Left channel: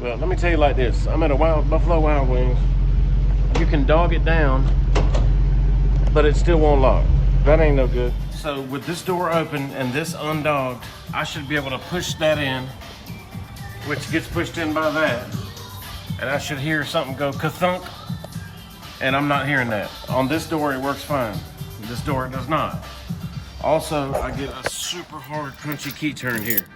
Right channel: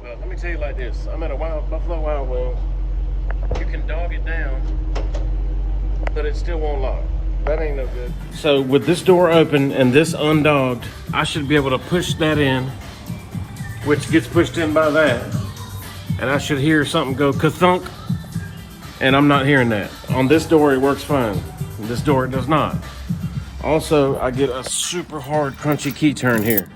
Well, let me tell you like this. I'm at a Buffalo Wild Wings. You can dog it down, but it still won't lock. That ain't no good. So with this door open and this undogged, I should be able to push that in, which gets pushed in by that. And I should hear something go ka-thunk, and I'm not hearing that. On this door, it works fine. This door, it does not. Also, I get a super hard, crunchy key turn here.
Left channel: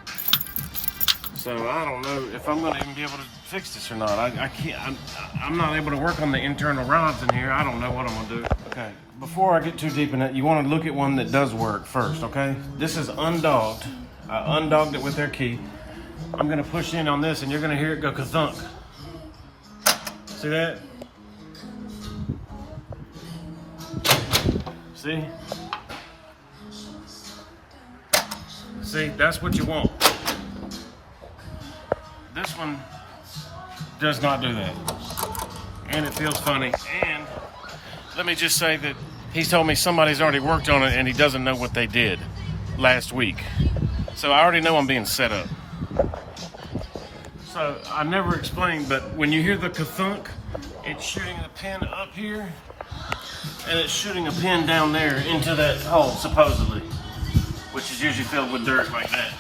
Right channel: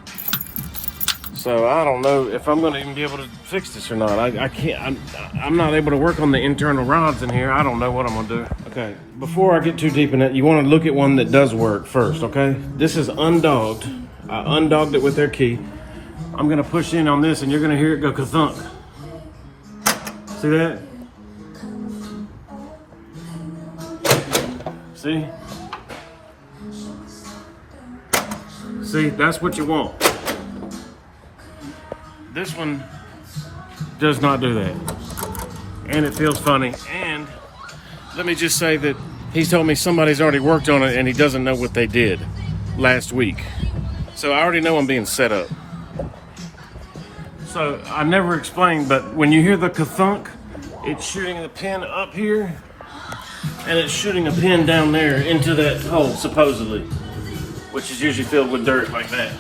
So I don't know if I'm gonna even be able to fix this or not. I can't, I'm not able to work on the internal rods in here. I don't know what I'm gonna do. Okay, before I get too deep in it, you wanna look at one that does work first, okay? This is undogged. I undogged it with their key. I'm gonna push in on this and you're gonna hear it go ka-thunk. See that? See? See, that's what you want. This one does not do that. And it feels funny. And let me just say that he's told me somebody's already worked on it and he doesn't know what they did last week. So I already know I'm being set up. So I never explained, but when you hear the ka-thunk, it's shooting the pin up here and it's shooting a pin down there into that hole, supposedly, which is usually filled with dirt like that.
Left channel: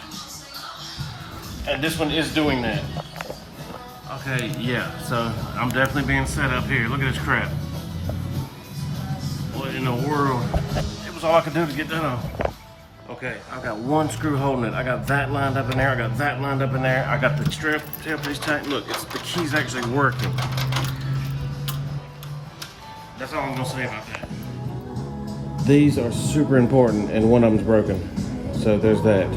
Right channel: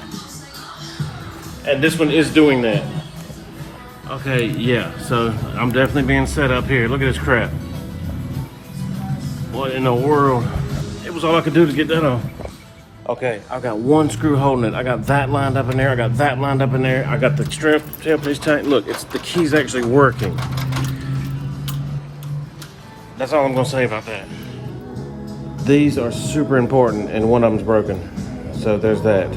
And this one is doing that. Okay, yeah, so I'm definitely being set up here. Look at this crap. What in the world? It was all I could do to get that on. Okay, I got one screw holding it. I got that lined up in there. I got that lined up in there. I got the strip tailpiece tight. Look, the key's actually working. That's all I'm gonna say about that. These are super important and one of them's broken. So there's that.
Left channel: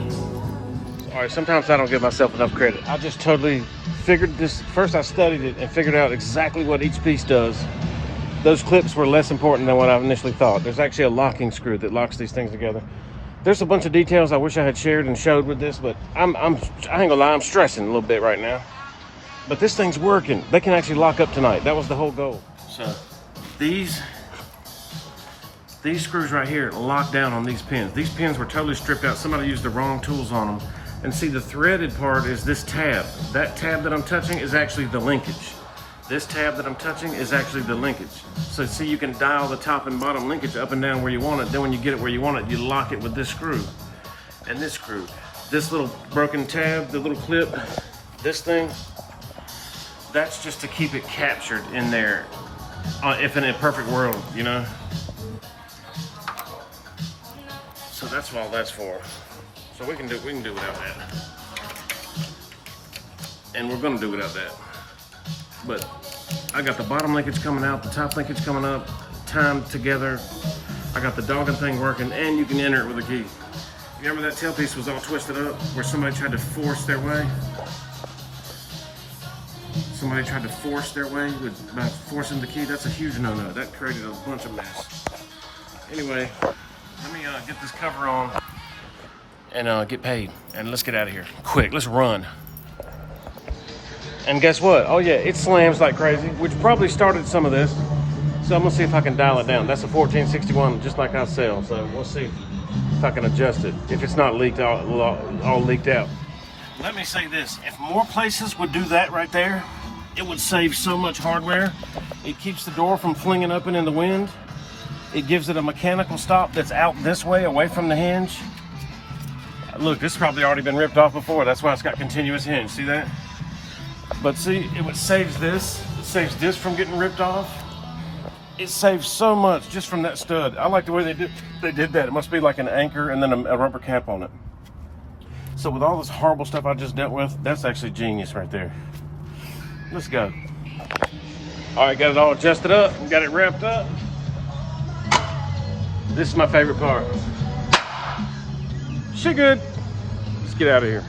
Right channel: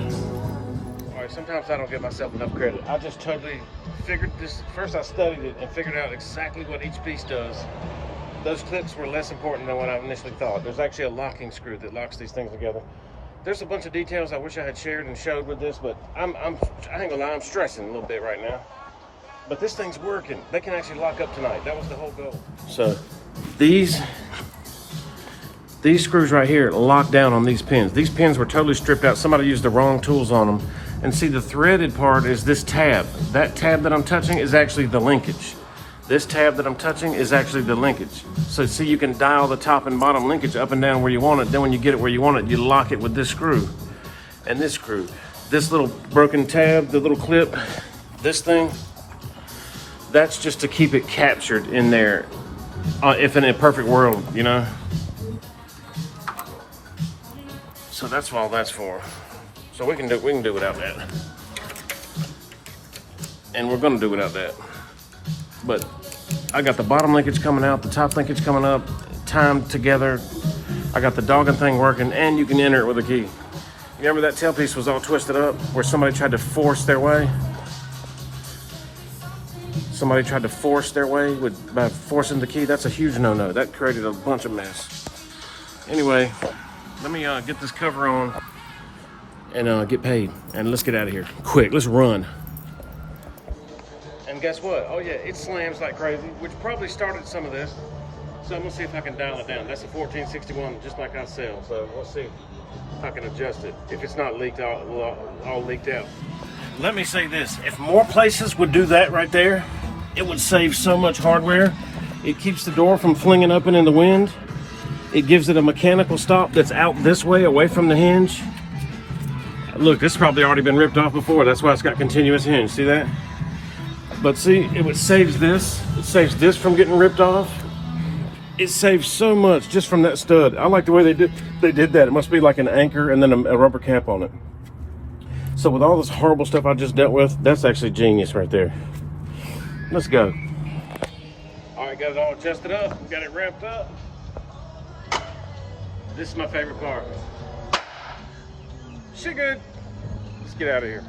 All right, sometimes I don't give myself enough credit. I just totally figured this. First I studied it and figured out exactly what each piece does. Those clips were less important than what I initially thought. There's actually a locking screw that locks these things together. There's a bunch of details I wish I had shared and showed with this, but I ain't gonna lie, I'm stressing a little bit right now. But this thing's working. They can actually lock up tonight. That was the whole goal. So these screws right here lock down on these pins. These pins were totally stripped out. Somebody used the wrong tools on them. And see, the threaded part is this tab. That tab that I'm touching is actually the linkage. This tab that I'm touching is actually the linkage. So see, you can dial the top and bottom linkage up and down where you want it. Then when you get it where you want it, you lock it with this screw and this screw. This little broken tab, the little clip, this thing, that's just to keep it captured in there. If in a perfect world, you know? So that's all that's for. So we can do without that. And we're gonna do without that. But I got the bottom linkage coming out, the top linkage coming up, timed together. I got the dogging thing working, and you can enter it with a key. You remember that tailpiece was all twisted up where somebody tried to force their way? Somebody tried to force their way by forcing the key. That's a huge no-no. That created a bunch of mess. Anyway, let me get this cover on and get paid. And let's get out of here. Quick, let's run. And guess what? Oh yeah, it slams like crazy, which probably started some of this. So I'm gonna see if I can dial it down. That's a 1461, just like I sell. So we'll see if I can adjust it. If it's not leaked all leaked out. Let me say this, if more places would do that right there, it would save so much hardware. It keeps the door from flinging open in the wind. It gives it a mechanical stop that's out this way, away from the hinge. Look, this has probably already been ripped off before. That's why it's got continuous hinge, see that? But see, it saves this. It saves this from getting ripped off. It saves so much just from that stud. I like the way they did that. It must be like an anchor and then a rubber cap on it. So with all this horrible stuff I just dealt with, that's actually genius right there. Let's go. All right, got it all adjusted up, got it wrapped up. This is my favorite part. She good. Let's get out of here.